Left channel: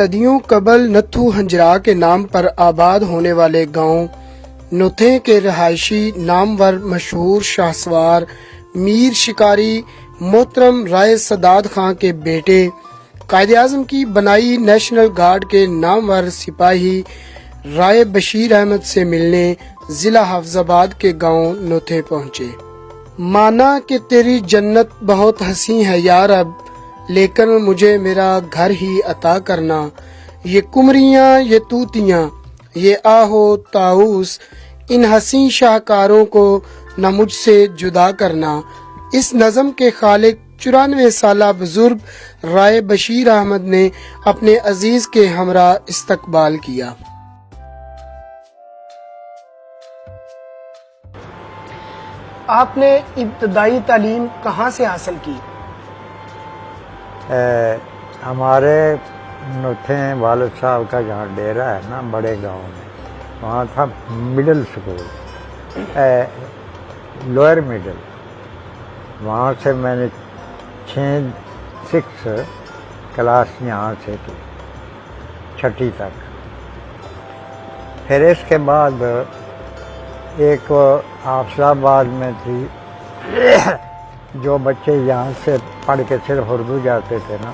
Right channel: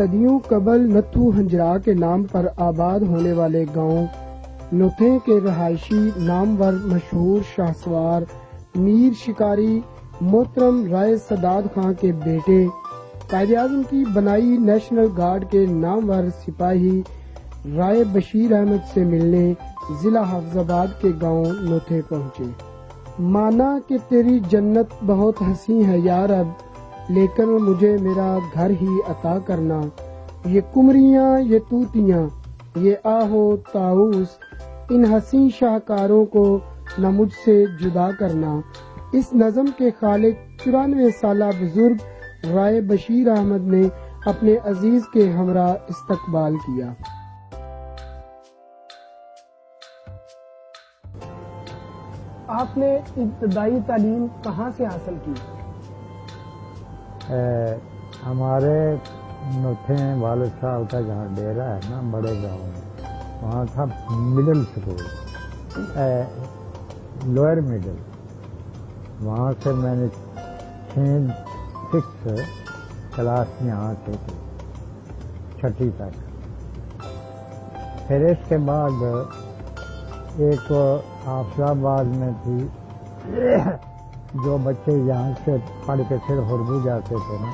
صدیوں قبل نتھو ہنجرا کے نام پر آباد ہونے والے گاؤں نوتھے کے رہائشی نامور مشہور شاہسوار میر شکاری محترم رائے سداد خان کے بیٹے قائد اعظم کی بنائی نیشنل گارڈ کے نامور سپاہی رائے بشیر احمد سے ملنے ضلع حافظ آباد کے گاؤں نوتھے پہنچے۔ مانا کہ تیری جنت بہت حسین ہے یا رب، لیکن مجھے میرا گھر ہی عطا کرنا، یہ کمریاں یہ توتیاں یہ آہو طاؤس، ان حسین شاہکاروں کو نہ مجھ سے جدا کرنا۔ اس نظم کے خالق 94 سالہ بزرگ رائے بشیر احمد نے اپنے عزیز کے ہمراہ استقبال کیا۔ آپ نے ابتدائی تعلیم کہاں سے حاصل کی؟ ہمارے نوتھے والد صاحب کا جہاں ڈیرا ہے نا بڑے گاؤں میں، وہاں تھا مڈل سکول، لوئر مڈل۔ وہاں سے میں نے 6 کلاس یہاں سے کی، 6ٹھی تک۔ پھر اس کے بعد ایک حافظ آباد میں تھی، جو بچے یہاں سے پڑھ کے صرف اردو جاتے تھے نا،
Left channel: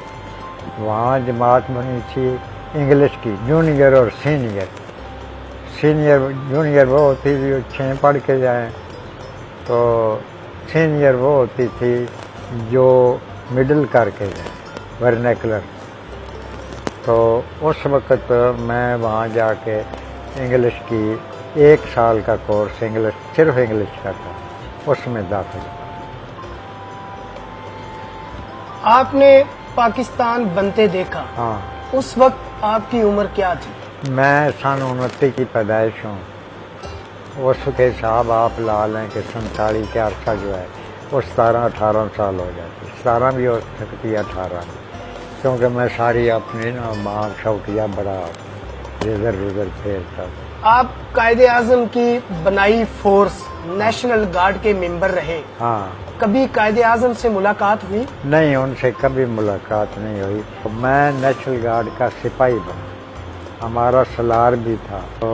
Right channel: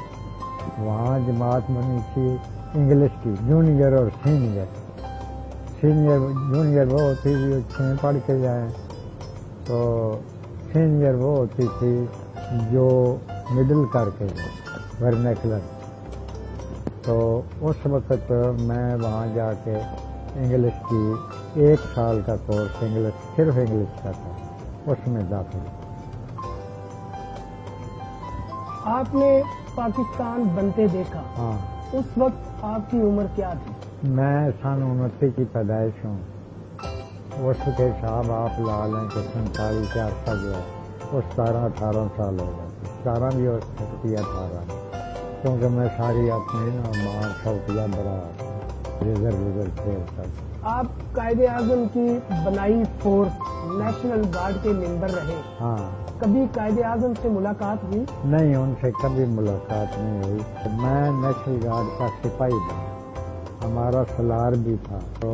وہاں جماعت بنی تھی انگلش کی، جونیئر اور سینئر جونیئر وہ ہوتی تھی جو 6 پڑھ کے جائیں، تو سینئر وہ ہوتی تھی جو مڈل کر کے جائیں، ورنیکولر۔ تو اس وقت میں وہاں جا کے انگلش کی 1 سال کا کورس صرف انگلش کا تھا، اس میں داخل۔ آپ نے پاکستان بنتے دیکھا، ہاں، اس وقت آپ کی عمر کیا تھی؟ میں سن 29 کی پیدائش ہوں۔ اس کے حساب آپ لا لیں کہ 47 کے عرصہ جو ہے وہ 17-18 سال ہو جاتی، 17 بھی ہو سکتی ہے، 18 بھی، کیونکہ میں ساری اپنی نا ماں شوقیہ بڑا ریزر پھیرتا تھا۔ آپ قائد اعظم کی بنائی فورس نیشنل گارڈ کے ممبر رہے، ہاں، کبھی قائد اعظم سے ملاقات ہوئی؟ نہیں، ان سے کبھی ملاقات نہیں ہوئی۔ میں نیشنل گارڈ کا سپاہی بنا، ہمارا سالار بھی تھا، تو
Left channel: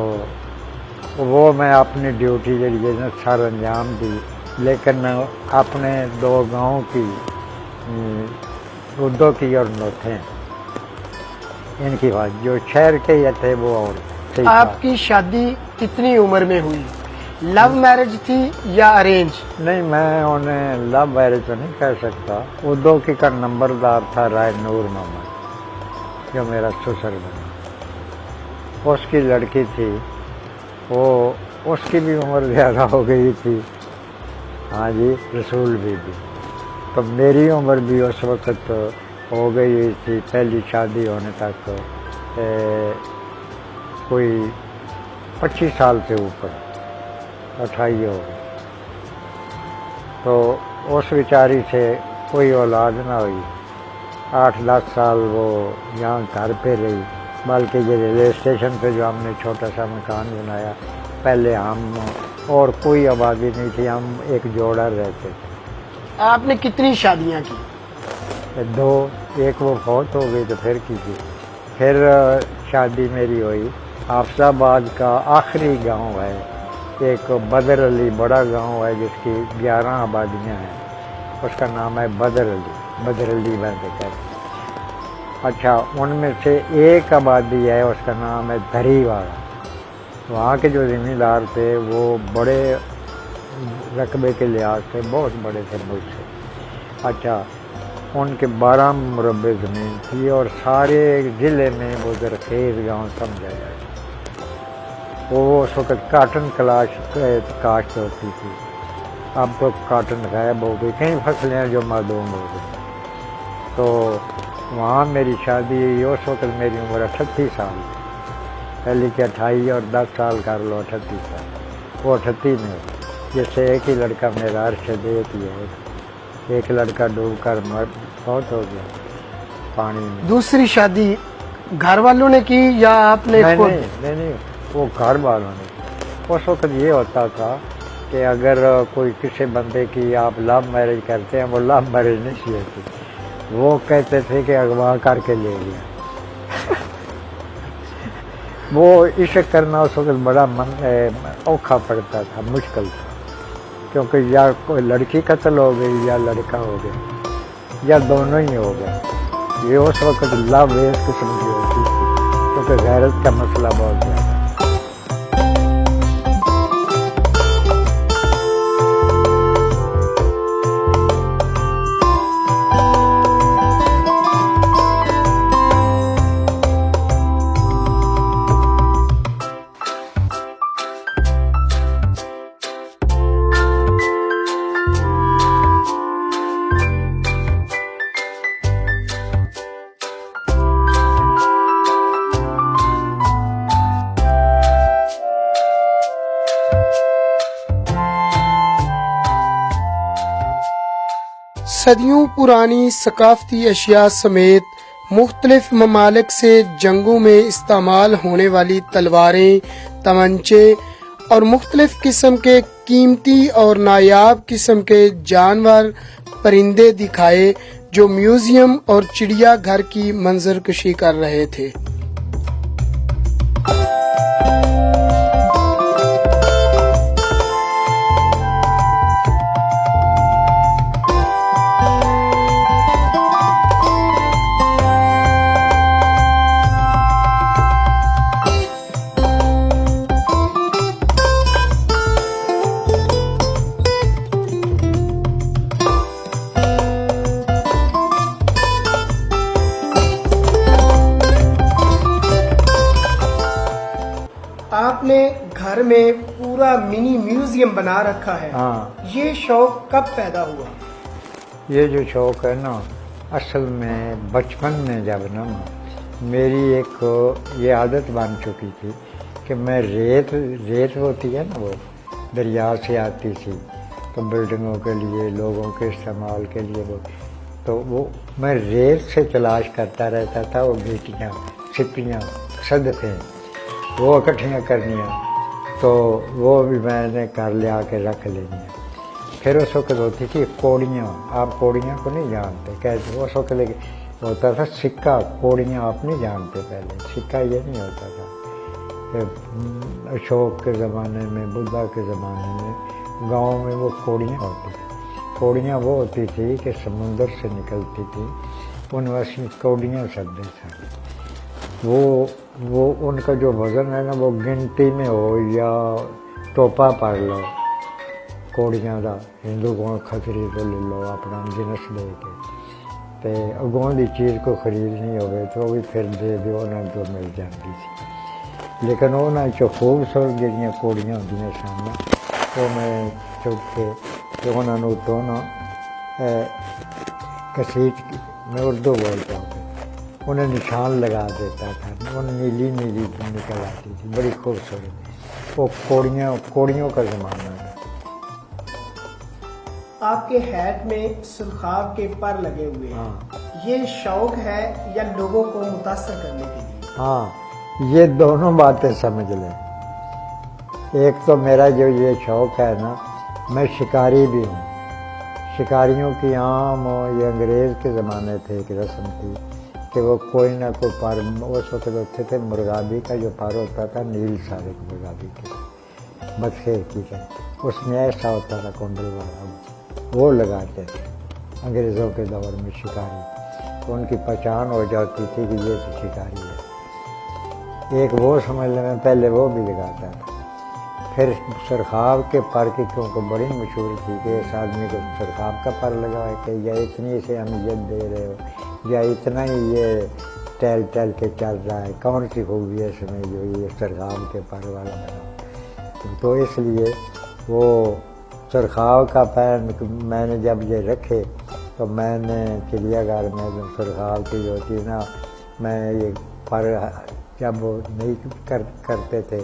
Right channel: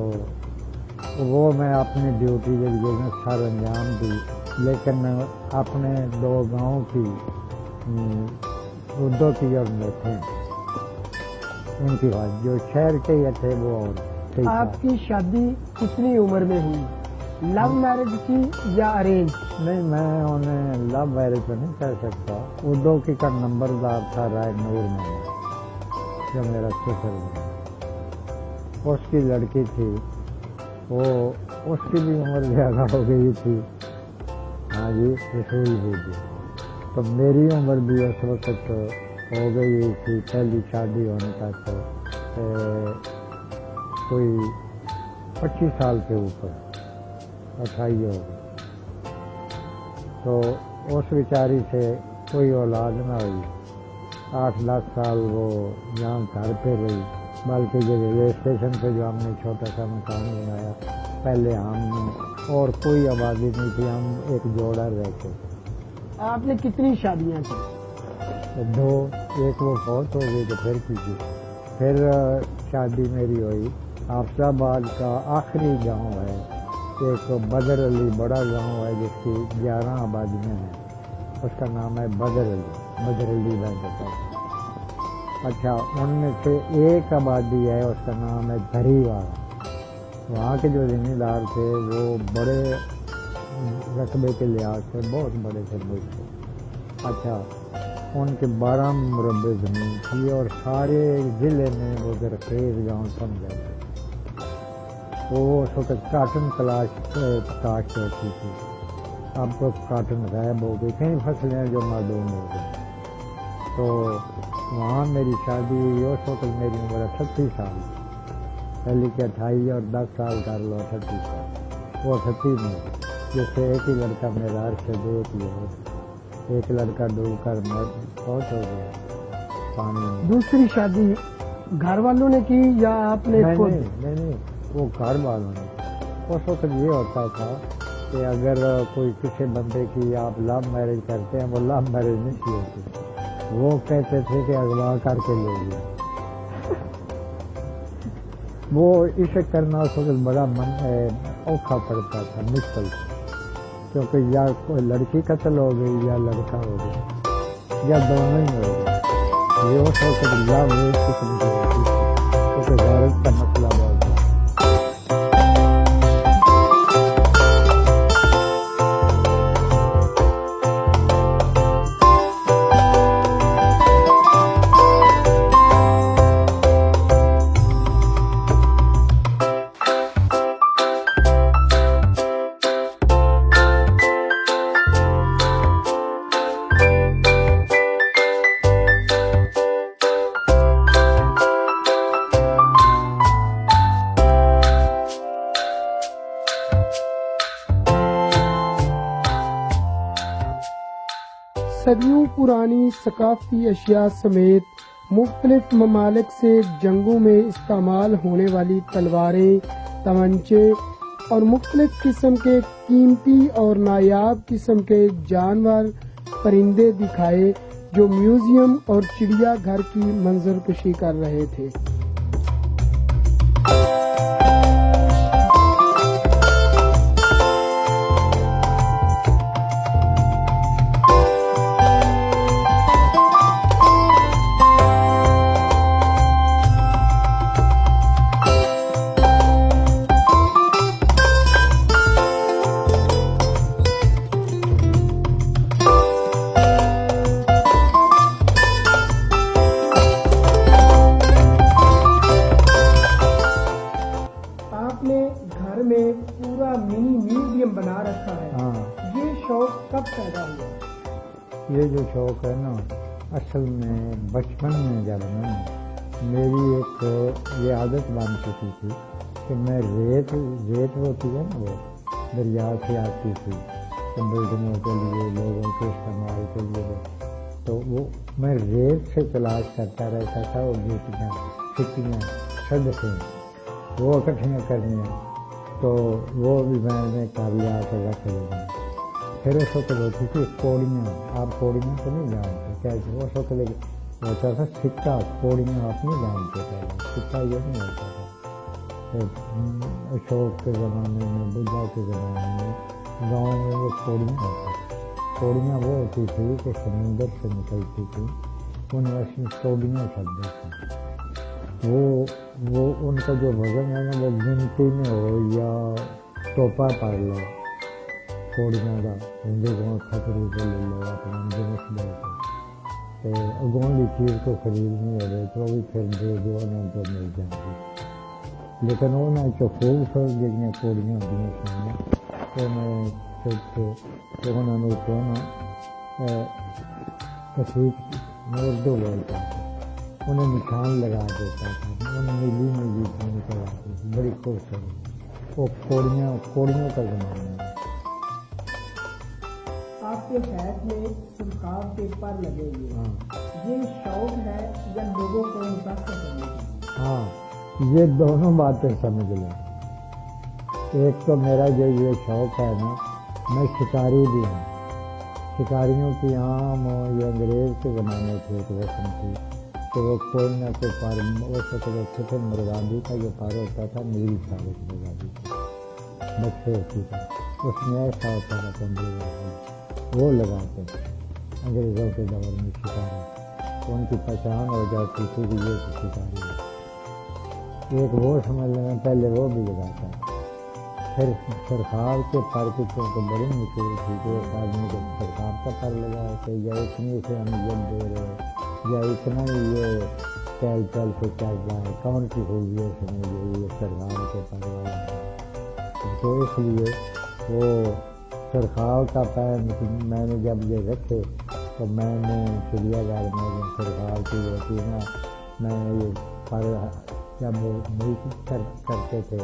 وہ میں اپنی ڈیوٹی جڑی سر انجام دی، لیکن اپنے 2 گاؤں کی، اردو کی اور نوتھے، ان کی بات جو شہر کے یہ تھے وہ اور صحیح تھا۔ آپ کی شادی کتنی عمر میں ہوئی؟ لو میرج تھی یا ارینج؟ نہیں، میں انہیں لو میرج تو نہیں کہہ سکتا۔ اردو کی کا نمبردار تھا رائے نور محمد، جو میرا سسر بنا، اس کی لڑکی تھی، وہ اس کی بھی عمر زیادہ ہو گئی تھی، ہاں جی، رسول بی بی۔ تو میری عمر بھی اس وقت ہو گئی تھی، پہلی شادی ہونے تک کوئی 25 سال سے اوپر، 28 ہو گئی۔ تو اس بیچاری سے کوئی اولاد نہ ہوئی، 8-10 سال وہ یہاں گھر پہ رہی، بلکہ یہ ریلوے اسٹیشن پہ جو ہم نے چھوٹا سا مکان بنایا، پہلے ہم اور کوئی آبادی نہیں تھی، ہم ایک جوڑا رہتے تھے۔ آپ نے کتنی شادیاں کی؟ 2، ایک وہ فوت ہو گئی تو پھر کی تھی۔ پھر شادی میری ہوئی حافظ آباد کا آخری گاؤں ہے، ایک بدر علی بڑا گاؤں ہے جس کی 11 آبادیاں ہیں، اس کا نام ہے بدر علی بندے کا۔ اچھا، ان میں سے ایک آبادی ہے، اس کا نام ہے دھری والا۔ وہاں کے جو زمیندار تھے وہ بڑے رقبے کے لحاظ سے بہت بڑے تھے مجھ سے۔ اچھا، ان کے 12 مربع زمین تھی اور سارے ضلع میں وہ زرخیز گاؤں سمجھا جائے۔ وہ اس وقت کاٹن کاشت ہوتی تھی، اب تو کاٹن غائب ہو گئی، کئی فصلیں ہیں جو معدوم ہو گئی۔ تو وہاں میری شادی ہوئی، اس وقت میری عمر 38 سال، پہلی کے 28 اور 10 سال کر لو 38 سال، وہ 38 میں جیسے ایک ہی لڑکا میرا ارشد ایک ہی ہے، ایک لڑکا ڈوب کر فوت ہو گیا پانی میں۔ دوسری شادی گھر والوں نے کی یا آپ نے خود؟ نہیں، وہ گھر والوں نے کی۔ اس وقت یہ ہوتا تھا کہ اگر کوئی کسی بندے کی آپ لو میرج کرتے ہیں، وہ لو میرج نہیں کی ہوتی، وہ کہتے تھے کہ اغوا کر کے لے لیا۔ وہ عشق کرنا اس وقت بڑا اوکھا پڑتا تھا، مشکل تھا، کیونکہ یا کوئی لڑکی قتل ہو گئی یا لڑکا ہو گیا یا دونوں ہی ہو گئے۔ یہ اس وقت لو اس قسم کی ہوتی تھی، کیونکہ غیرت کا مسئلہ بہت ہے۔ صدیوں پرانی ثقافتی اشیاء سمیت مختلف ممالک سے جنگوں میں استعمال ہونے والی تلواریں، تمنچے اور مختلف قسم کے قیمتی اور نایاب قسم کے جانور، پرندے دکھائے جو میوزیم اور چڑیا گھر کی منظر کشی کر رہے تھے۔ آپ نے گھر میں پورا منی میوزیم بنا رکھا ہے، ہاں، یہ شوق کب پیدا ہوا؟ یہ جو شوق ہے نا، اصل میں بچپن میں جب نا میری ایک یہ عادت بن چکی تھی کہ میں ریت ہوتی ہے نا، وہ دریا سے آتی تھی تو بلڈنگوں کے لیے، لوگوں کے استعمال کے لیے، تو وہ میں ریت سے تلاش کرتا رہتا تھا، وہ گیٹیاں، سپیاں، صدفیں، وہ اکٹھیاں کرنیاں، تو وہ بھی میں نے کر لیا کے رکھ لینی۔ پھر اس وقت ہوتی تھی کوڑیاں، آپ کوڑیاں کو نہیں جانتے کیسے، اس وقت ہوتا تھا سکہ، کوڑیاں آپ نہیں جانتے پہلے، سکہ یہ نہیں ہوتا تھا۔ پھر اشوک کے زمانے میں، بدھا کے زمانے میں گاؤں میں وہ کوڑیاں ہوتی تھیں۔ کوڑیاں وہ ہوتی تھی کہ سمندر سے نکلتی تھی، ان میں کوڑیاں شبد تھا۔ وہ ان کا جو وزن ہے نا، وہ گنتی میں ہو یا ٹوپا پڑ لو کوڑیاں دا، ہندو کو کھتری تو لے لو اپنا جنس دے کے، اگوں دی چیز کو خریدنی ہوئے تو وہ بھی پھر دے دو انہیں تو مل جاتی تھی۔ لیکن انہوں نے خوبصورت جہاں کوڑیاں ہوندیاں سن، وہ میں چک کے انہوں نے تو نا کسیٹ میں اردو بولتا ہوں، انہیں نشان لگا دیتا تھا، انہیں نیلی نیلی نکل آتی تھی، بڑی خوبصورت۔ وہ کوڑیوں کا زمانہ ہے۔ آپ کے ہیٹ میں سرخاب کے پر لگے ہوئے ہیں، ہاں، یہ شوق ہے یا لوگوں کو متاثر کرنے کے لیے؟ ہاں، یہ دونوں باتیں سمجھ لیں۔ ایک تو میرا جو یہ شوق ہے نا، میں شکاری بھی ہوں۔ شکاریوں کی عام یہ انگریز کے زمانے تھے، ایک رسم تھی کہ وہ کوئی نہ کوئی پر، اس وقت ہوتے تھے مرغابی کا جو پر ہوتا تھا، نیل سابق مرغابی کے بخیر کی تھا، اس میں ایسا ہوتا تھا کنڈل والا، وہ لگاتے تھے انگریزوں کے دور میں شکاری، ان کی پہچان ہو جاتی تھی کہ یہ شکاری ہے۔ ایک وہ سمجھ لینا، پہلے وہ بھی لگاتا تھا۔ پھر سرخاب کے پر کی کیونکہ بڑی مشہور تھی کہ اس آدمی کو سرخاب کا پر لگا ہے کہ یا اتنی سے اہمیت دے رہے ہو، یا اتنا ہی یہ ٹہل ٹہل کے چل رہا ہے، کون سی خوبی ہے اس میں جو یہ سرخاب کے پر والا ہے۔ تو اس لیے وہ سرخاب کا پر میں نے جب یہ رکھے تو میں نے چڑیا گھر میں جو سرخاب کی ہوتی نا، میں یہ پر جب نہیں کرتے تھے،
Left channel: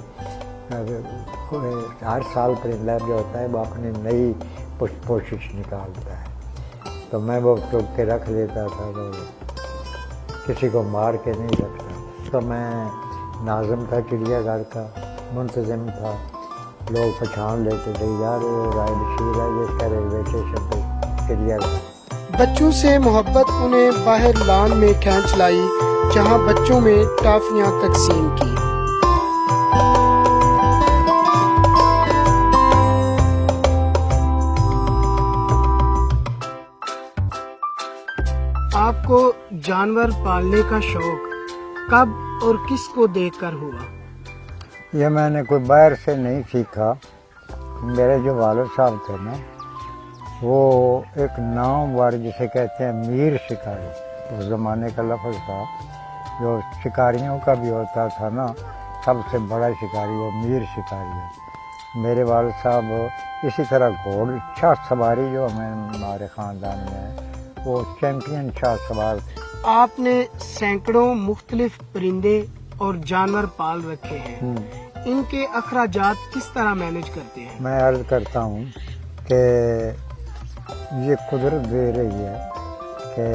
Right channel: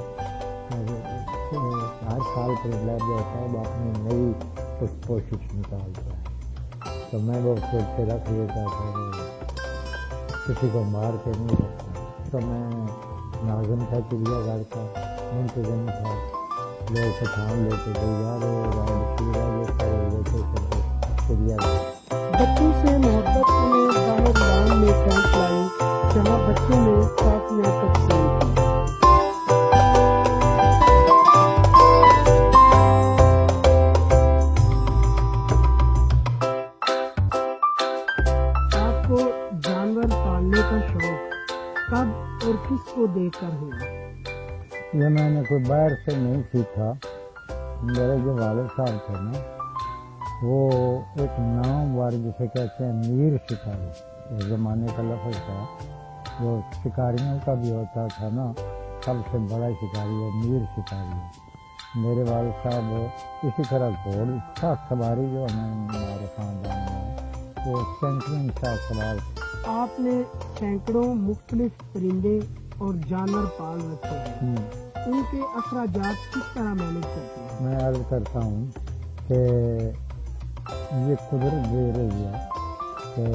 ہر سال پرندہ جو ہوتا ہے وہ اپنی نئی کوشش نکالتا ہے، تو میں وہ چوک کے رکھ لیتا تھا، وہ کسی کو مار کے نہیں رکھتا۔ تو میں ناظم تھا چڑیا گھر کا، منتظم تھا، لوگ پہچان لیتے تھے، یار رائے بشیر ہے یہ کہہ ریلوے اسٹیشن پہ چڑیا گھر۔ بچوں سے محبت انہیں باہر لان میں کھینچ لائی، جہاں بچوں میں ٹافیاں تقسیم کی۔ آپ کو جانور پالنے کا شوق کب اور کس کو دیکھ کر ہوا؟ یہ میں نے کوئی باہر سے نہیں سیکھا۔ میرے جو والد صاحب تھے نا، وہ ایک نامور جسے کہتے ہیں میر شکاری، اس زمانے کا لفظ تھا، جو شکاریوں کا بھی ہوتا تھا نا، سب سے بڑا شکاری وہ میر شکاری ہے۔ میرے والد صاحب اسی طرح گھوڑ شاہ سواری جو ہمارے خاندان میں ہے، وہ چیمپئن شاہ سوار تھے۔ آپ نے سینکڑوں مختلف پرندے اور جانور پال رکھے ہیں، ان کے اخراجات کس طرح مینیج کرتے ہیں؟ میں عرض کرتا ہوں کہ یہ قدرت دے رہی ہے کہ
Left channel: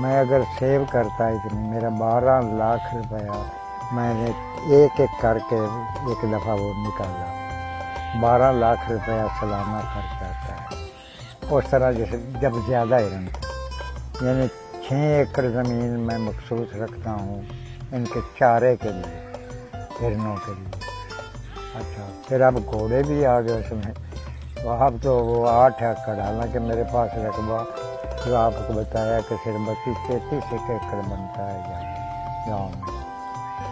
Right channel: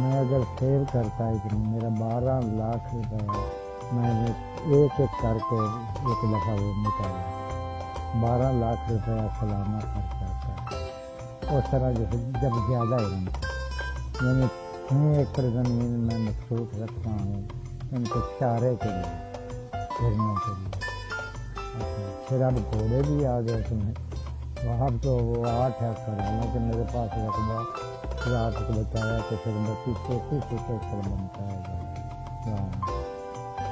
میں اگر سیو کرتا ہے کہ میرا 12 لاکھ روپیہ میں نے ایک ایک کر کے ایک دفعہ وہ نکالا، 12 لاکھ روپیہ سالانہ خرچ آتا ہے۔ اس طرح جیسے جب زیادہ ہرن، یعنی 6 ایکڑ زمین میں مخصوص رکھتا ہوں ان کے چارے کے لیے، ہرنوں کے لیے۔ اچھا، پھر اب گھوڑے بھی آ گئے اس میں، اب تو وہ 8 ایکڑ، حالانکہ میرے پاس رقبہ جو آپ کو بتایا کہ صرف 32-33 ایکڑ بنتا ہے گاؤں میں،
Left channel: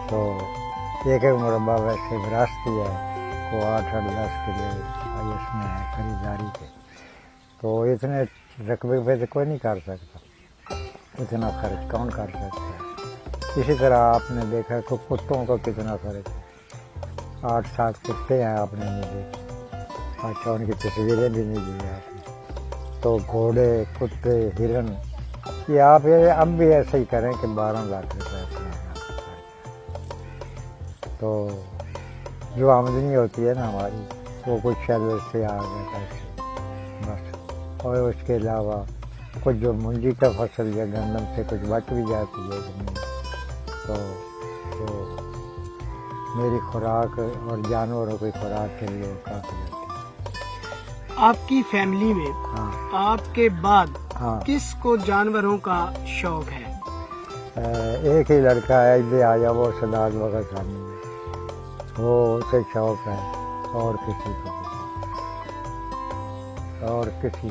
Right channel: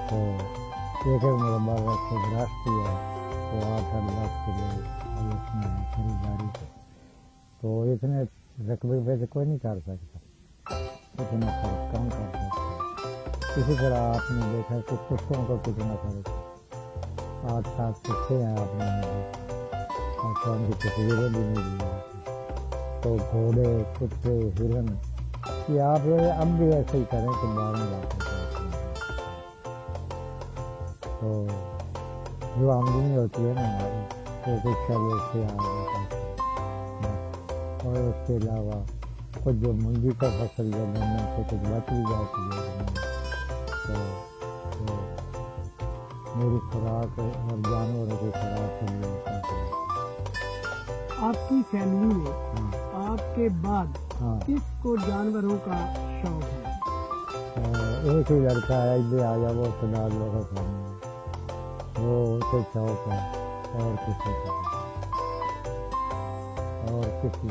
تو ایک ایک مربع ویسے وراثتی ہے، وہ 8-10 کلو اس میں ہے خریداری کے، تو اتنے رقبے پہ تو کوئی نہیں کر سکتا، اتنا خرچ کون کر سکتا ہے۔ اسی طرح آپ نے دیکھا کہ کتوں کا کتنا فرق ہے، 8-7 کتے ہیں آپ نے مجھے، اچھا ان کی تصویریں بھی نہیں دی آپ نے، تو گھوڑے، کتے، ہرن، یہ آپ اب بھی ایسے ہی کریں کہ 12 لاکھ روپے، تو جو آمدنی ہوتی ہے نا ہماری، وہ کچھ شہر سے آ گیا پیسے بس، اور اس کے علاوہ کچھ جو منجی کا فصل یا گندم سے کچھ بچ بھی جاتی ہے زمین، تو میری خوراک اور جانوروں کی خوراک کے لیے کافی ہوتی ہے۔ آپ کی فیملی میں ہاں آپ کے بعد ہاں، کس کو جانوروں کا شوق ہے؟ ایک ہی لڑکا ہے، ادھر آیا، وہ سداد وقت سامنے، وہ اسے شوق ہے، اور کسی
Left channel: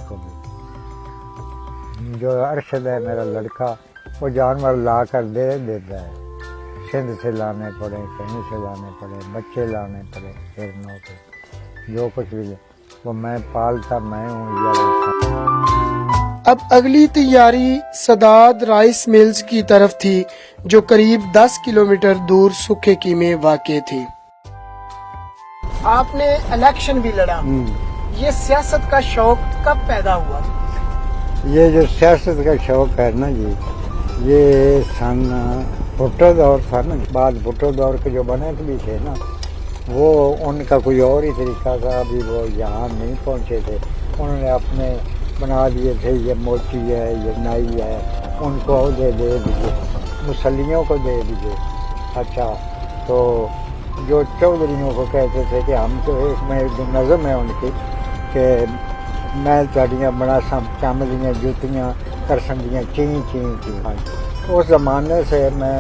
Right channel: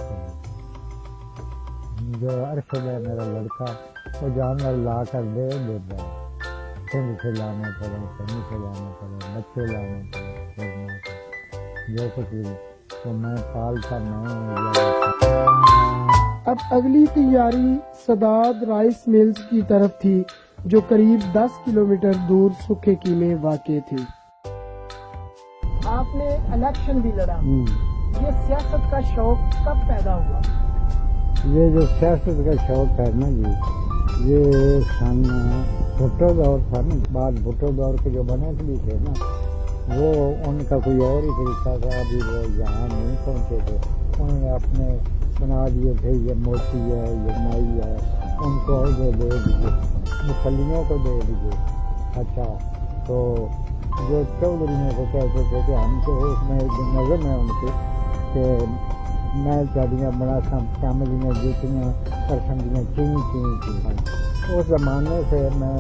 کو بھی۔ جو ارشد ہے میرا لڑکا، وہ جانور لا کر دے دیتا ہے، سندھ سے لانے پڑے، کہیں سے لانے پڑے، بچے لانے پڑے، ہرنوں کے، جو کچھ بھی وہ میں پالتا میں ہوں۔ اب اگلی تیاری سداد رائس ملز کی طرف تھی، جو قریب 10 کلومیٹر دور سکھے کی میں واقع تھی۔ آپ نے الیکشن بھی لڑا، یہ سیاست کا شوق کب پیدا ہوا؟ یہ جو سیاست کا شوق ہے نا جی، یہ سن بھٹو دور تھا نا، بعد بھٹو دور کے جو بنے بھی تھے نا، وہ ان کا کوئی اور ہی طریقہ تھا، ابھی وہ یہاں نہیں پہنچے تھے، انہوں نے اپنے بنا دیے تھے، یہ موچی ہے، یہ نائی ہے، ان کو دے دیجیے، مسلیوں کو دے دیجیے۔ اچھا، تو جو چودھریوں کو کہتے تھے کہ ہم تو ایک میں نظم ہے ان کی کہ میں تاڑیاں بنا سا چمدیاں جوتیاں کرسندیاں چین چین چین۔ اس زمانے سے میں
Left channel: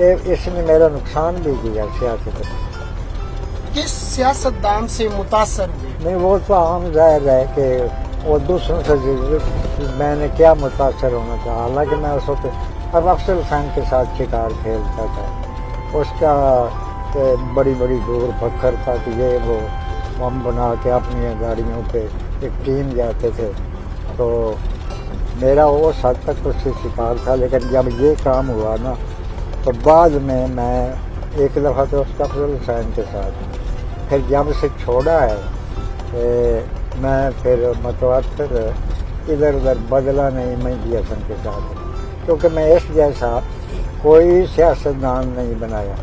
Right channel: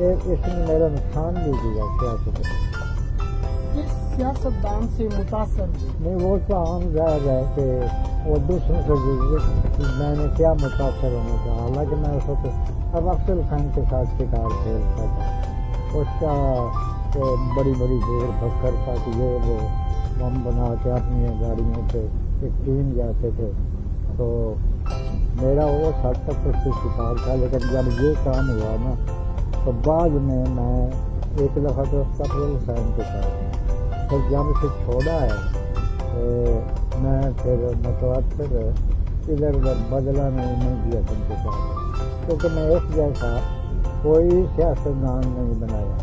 اس نے میرا نقصان بھی کیا سیاست میں۔ کس سیاستدان سے متاثر ہوئے؟ نہیں، وہ تو عام ظاہر ہے کہ وہ دوسروں سے میں نے کیا متاثر ہونا تھا، حالانکہ میں اس وقت اب افضل حسین کے ساتھ شکار کھیلتا تھا، اس کا بڑی بڑی دور پتھر تھا کہ یہ وہ ہم بنا کے اپنی گاڑیوں پہ ایک ٹیم جاتے تھے، تو میرا وہ حد تک اس سے شکار تھا، لیکن جب یہ کام ہوا نا تو بعد میں ایک دفعہ تو اس کا افضل حسین کے ساتھ، پھر جب سے چھوڑا ہے میں پھر متواتر ادھر ادھر بدلا نہیں، مہدی حسن کے ساتھ کیونکہ میں اس جیسا کوئی سیاستدان نہیں بنایا.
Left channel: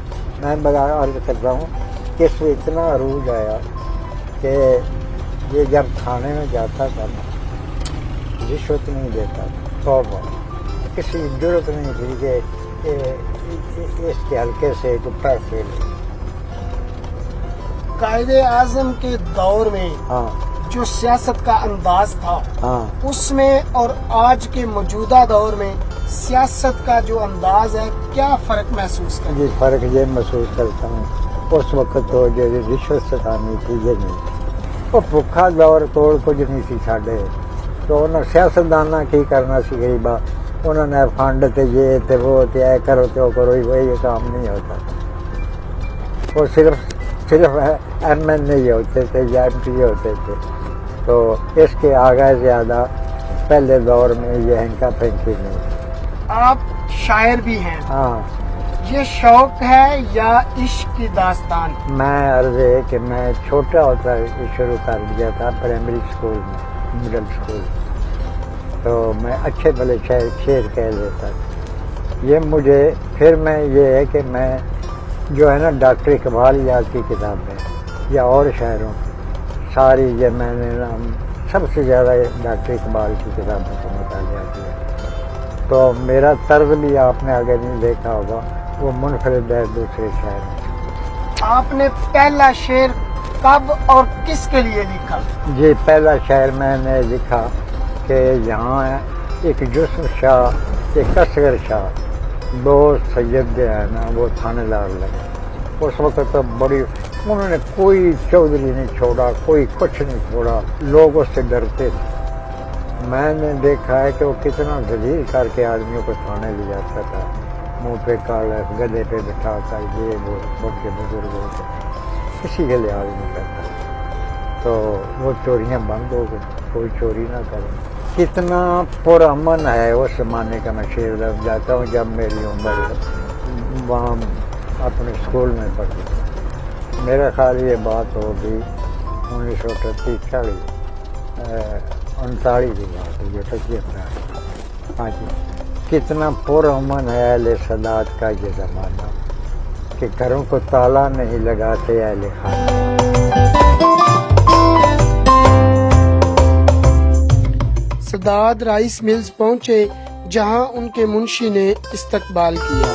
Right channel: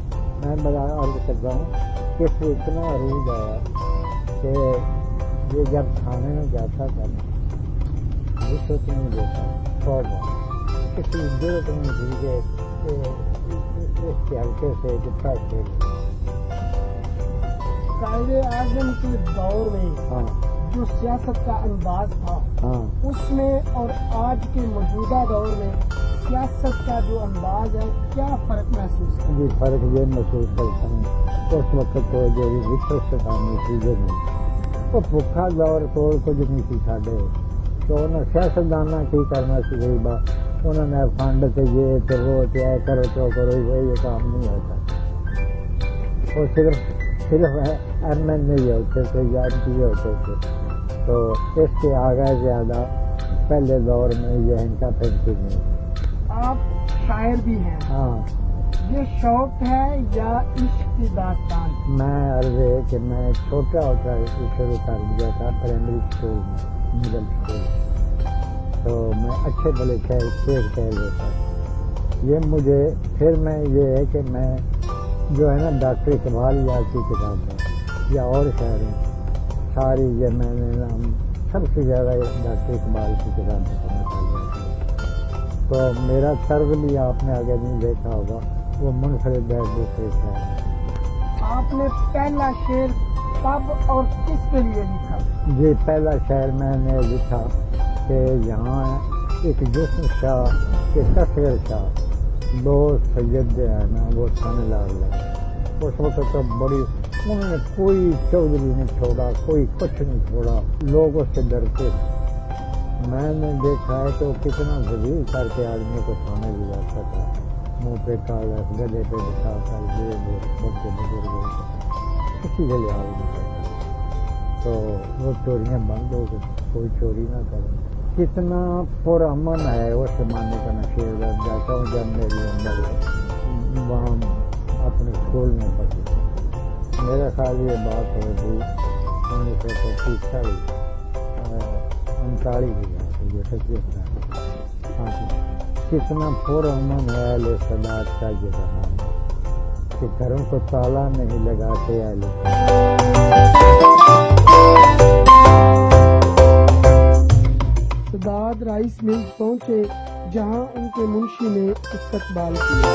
میں عرض کرتا ہوں کہ اس میں اتنا عروج آیا کہ یہ جب تھانے میں جاتا تھا نا رشوت نہیں دیتا توبہ کسی ضرورت نہیں تھی کہ اس کے حلقے سے جو پیسے لے. قائد اعظم کے دور میں ہاں جو سیاست کا انداز تھا ہاں اس میں اور آج کے موجودہ دور میں سیاست کا جو انداز ہے کیا فرق محسوس کرتے جی فرق یہ محسوس کرتا ہوں اس وقت تو جو رشوت ستانی تھی یہ نہیں وہ بھوکا دور توڑ کچھ نہیں سی ساڈے تو انہوں سیاستدانہ کی کرنا سی غریبا انہوں نے فنڈ تے یہ تے وہ تے اے کرو تو کرو وہی کام نہیں ہوتا. وہ صرف ایم این اے ہوتے تھے یا ایم پی ہوتے تھے. تو اس کے آگے زیادہ پہلے دور میں یہ ہنکا پھنکی نہیں. آپ شاعر بھی ہیں ہاں یہ شوق ہے یا عشق کی داستان؟ میں عرض ہے کہ میں چھوٹا ہوتا شروع کر دیا تھا پرائمری اسکول میں مڈل اسکول تو میں اچھے بھلے شعر کہہ لیتا. یہ مجھے پھر میں یہ ہے کہ میں جو ہے نا ڈاکٹر اقبال یاد کی کتاب ہے یا اور شاعروں ساری یہ میں نے سب سے زیادہ ڈاکٹر اقبال کی کتابوں کا مطالعہ کیا. تو میرا طرز بھی آپ نے آگے نہیں دیکھا ہوگا وہ منفرد ہے دوسرے شاعر. آپ نے پہلا شعر کب اور کس کے لیے لکھا؟ جی پہلا شعر میں نے لکھا کہ یہاں ایک جسم شاہ ایک اصغر شاہ دو سید جو ہے نا وہ تھانے دار لگے. اس وقت تو بڑی انہوں نے کوئی چودھری نہیں چھوڑا کوئی کچھ نہیں چھوڑا لوگ اس سے ڈرتے تھے. میں نے دیکھا ہے کہ وہ کتنا ذلیل کر کے آدمیوں کو تھانے لے جاتا تھا منہ پہ کالا گدے پہ بٹھا کر یہ وہ بڑھ کے بزرگ ہوتے کسی کے لحاظ نہیں کرتا. تو وہ چوریاں بند ہو گئی کوئی چوری نہ کرے. کتنا پرامن ہے اس زمانے کا. میں شیر جاتا ہوں جب میری عمر وہاں اپنے اسکول میں پڑھی میرا خیال یہ بات ہوگی 1939 کی بات ہے جو 75. ہاں جی کتنا پرامن ہے اہل سادات کا یہ زمانہ کہ گھروں کو تالا نہیں لگاتے اہل خانہ. سادات رائس ملز پہنچے جہاں ان کے منشی نے استقبال کیا.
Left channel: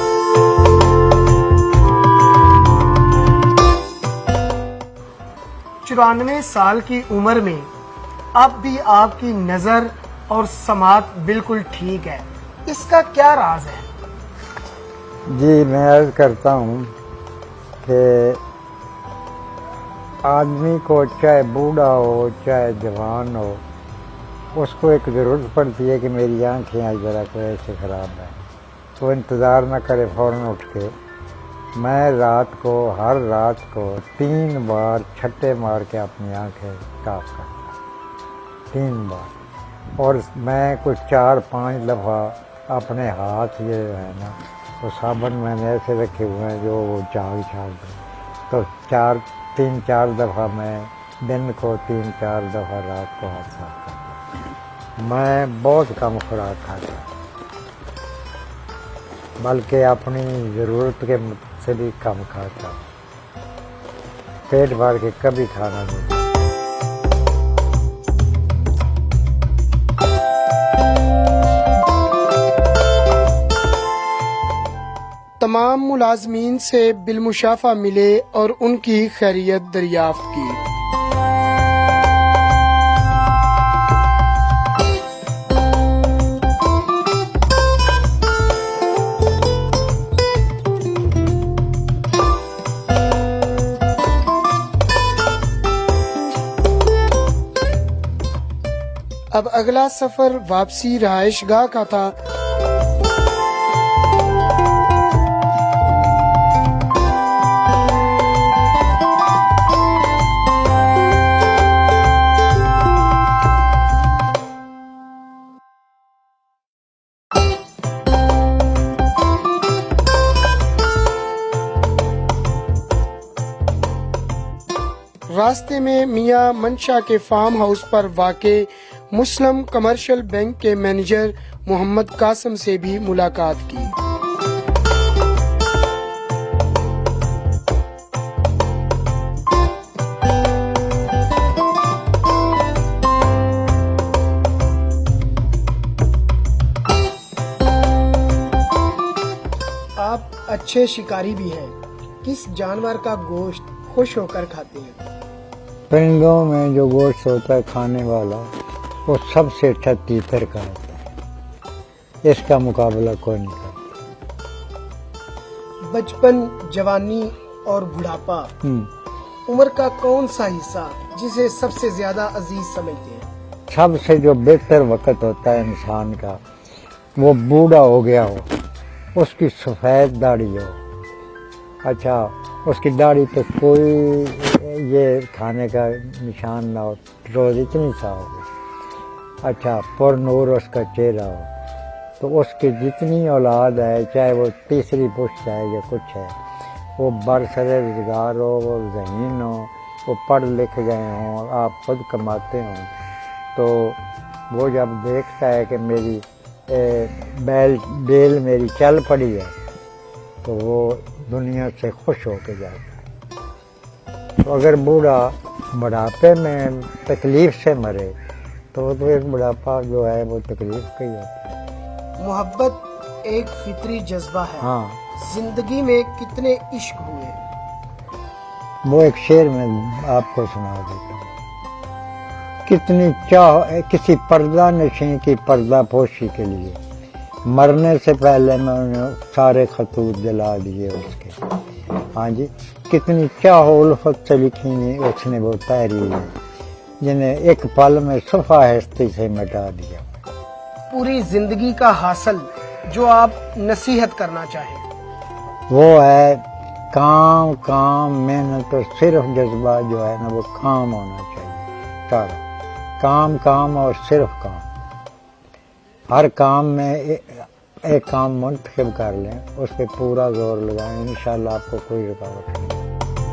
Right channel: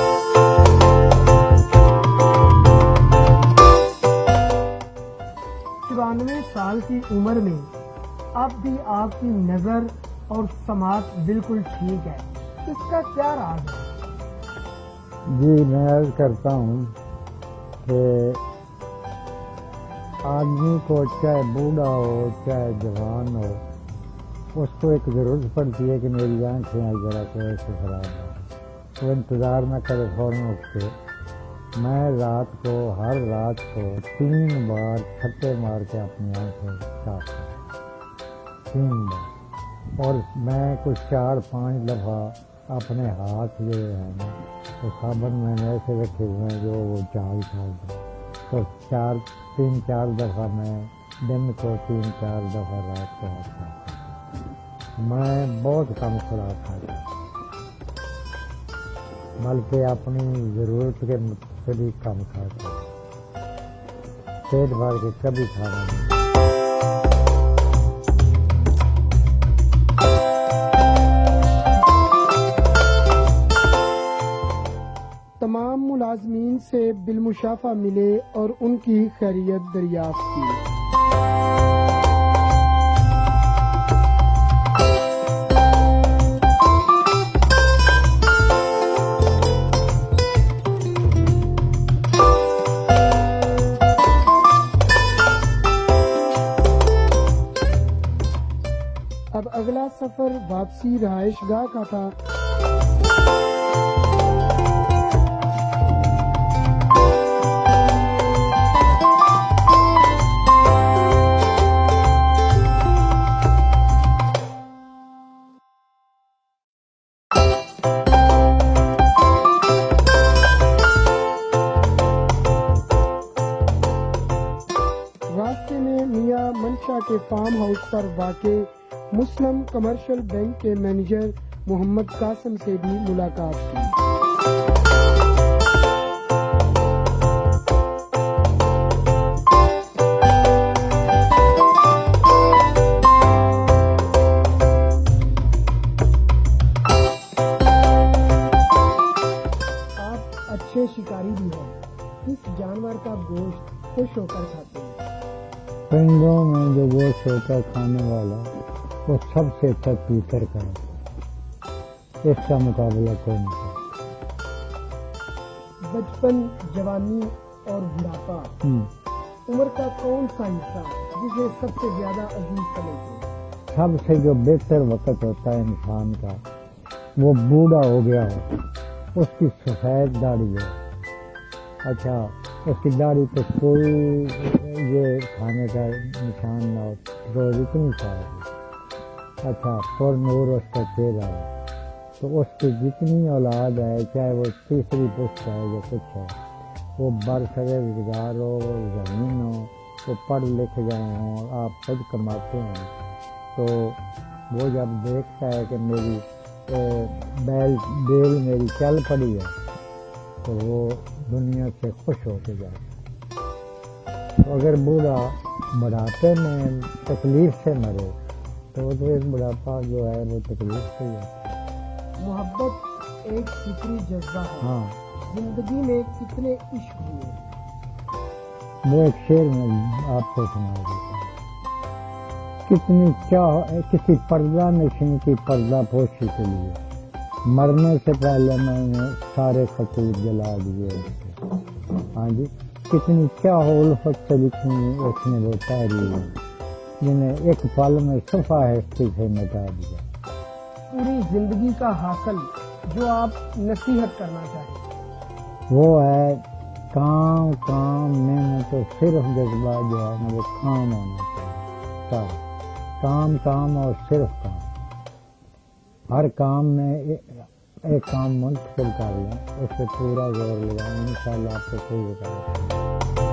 94 سال کی عمر میں اب بھی آپ کی نظر اور سماعت بالکل ٹھیک ہے، اس کا کیا راز ہے؟ جی میں عرض کرتا ہوں کہ آدمی کو چاہے بوڑھا ہو چاہے جوان ہو اس کو ایک ضرورت پڑتی ہے کہ میری آنکھیں آج ذرا کوئی ایسے خراب ہیں تو انتظار نہ کرے فوراً اٹھ کے. میں رات کو ہر رات کو 3 بار چھٹے مار کے اپنی آنکھیں صاف کرتا 3 بار. اور میں کچھ 4-5 دفعہ اپنے ہاتھ جو ہے نا وہ صابن میں نے ایسے رکھے ہوئے ہیں جو وہ چھال تو 3-4 دفعہ میں دن کو 3-4 دفعہ رات کو ہاتھ صاف کرتا. میں بہت کم خوراک کھاتا بلکہ اپنی ضرورت کے سے بھی کم کھاتا. پیٹ بھر کے کبھی کھانا نہیں. تمام ملازمین سے بالمشافہ ملے اور ان کی خیریت دریافت کی. اب اگلا سفر واپسی رہائش گاہ کا تھا. راستے میں میاں منشا کے فارم ہاؤس پر واقع مسلم کمرشل بینک کے مینیجر محمد قاسم سے بھی ملاقات کی۔ آپ اچھے شکاری بھی ہیں، کس جانور کا گوشت خوش ہو کر کھاتے ہیں؟ پرندوں میں جو گوشت ہوتا ہے کھانے والا وہ سب سے اچھا تیتر کا ہوتا ہے، اس کا مقابلہ کوئی نہیں کرتا۔ بچپن، جوانی اور بڑھاپا، عمر کا کون سا حصہ جسے سب سے زیادہ عزیز سمجھتے ہیں؟ سب سے جو بہتر وقت ہوتا ہے انسان کا وہ بوڑھا ہو گیا ہو، اس کی سفید داڑھی ہو، اچھا اس کی داڑھی پہ کوئی یہ کھانے کا نشان نہ ہو، روز اتنی سا ہو، اچھا پر نور اس کا چہرہ ہو، تو اس کی جتنی اولاد ہے، چاہے وہ تیسری پشت ہے یا کچھ ہے، وہ برسر روزگار ہو، وہ ذہین ہو، وہ پڑھ لکھ گئے ہوں، آپ خود کماتے ہوں، تو وہ جب دیکھتا ہے کہ میری بیل میری چل پڑی ہے تو وہ دنیا سے خوش ہو کے جاتا ہے۔ تو اگر بوڑھا بڑھاپے میں تکلیف سے مرے تو پھر بڑھاپا جو ہے وہ تکلیف کا ہی ہوتا ہے۔ محبت ایک فطری جذبہ ہے، ہاں، زندگی میں کتنے عشق ہوئے؟ وہ ایک شعر میں آپ کو سنا دیتا ہوں۔ کتنی چاہ کسی پردہ نشین کی پردہ پوشی کے لیے، مرنے سے پہلے میں انہیں سارے خطوط جلا دیے اس کے۔ ہاں جی، کتنی چاہ الفت سے لکھی اس نے وہ تحریریں جنہیں ایک پل میں صفحہ ہستی سے مٹا دیا۔ پوری زندگی کا حاصل جو آپ نصیحت کرنا چاہیں؟ وہ ہے کام کام محنت، اور صرف جذبہ جو ہے نا وہ کام ہونا چاہیے، سارا کام کام اور صرف کام۔ ہر کام میں ایک کام منتخب کر لیں، اس پہ پورا زور لگائیں، انشاءاللہ آپ کو کوئی رکاوٹ نہیں۔